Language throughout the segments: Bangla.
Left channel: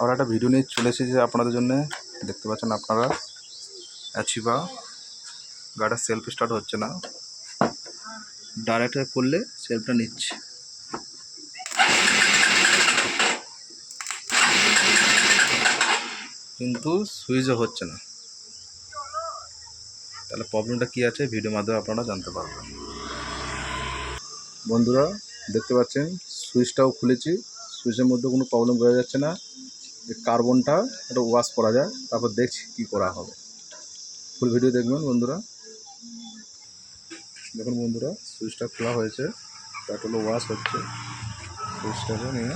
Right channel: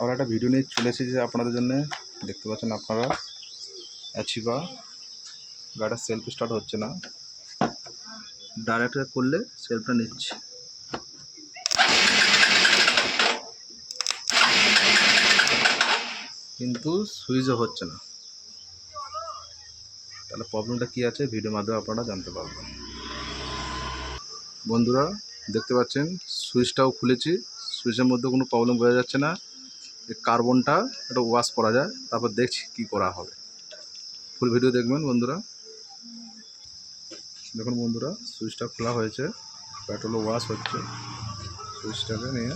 আবার একটা ভিডিও নিয়ে চলে এসেছি আপনাদের জন্য। দেখতে পাচ্ছেন আপনারা অ্যাচিভা গাড়িটা সেলফ স্টার্ট হচ্ছে না, ডাইরেক্ট করলে সেলফটা নিচ্ছে। কিন্তু সুইচও হচ্ছে না। তাহলে প্রবলেমটা কী আছে ভিডিওর মাধ্যমে আপনারা জানতে পারবেন। বন্ধুরা দেখতে পাচ্ছেন সুইচটাও খুলেছি, সুইচের মধ্যে কোনো প্রবলেম বোঝা যাচ্ছে না। এই কার্বনটা একটা ওয়াশ করা যায়, তারপর দেখছি কি করা হবে। ফুল ভিডিও দেখবেন বন্ধুরা। দেখুন বন্ধুরা সুইচটা খোলা হয়েছে, পেট্রোল ওয়াশ হচ্ছে। সুইচটাকে নিয়ে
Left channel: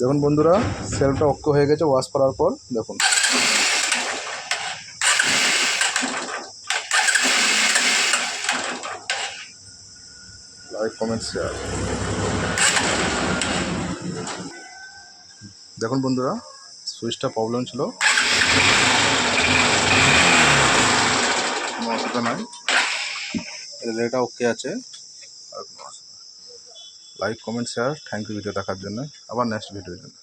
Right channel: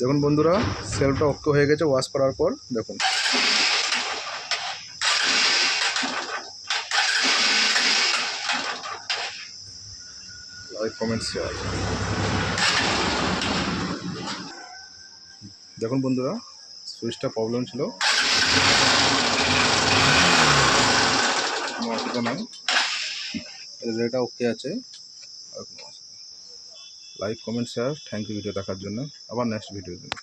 দেখুন বন্ধুরা সেলফটা ওকে হয়ে গেছে ওয়াশ করার পর। দেখুন লাইক কমেন্ট শেয়ার। দেখুন বন্ধুরা সুইচটা প্রবলেম ছিল, কোনো অসুবিধা নাই, রেটা ওকে আছে। Like comment share, thank you video দেখার জন্য। আবার নেক্সট ভিডিওর জন্য।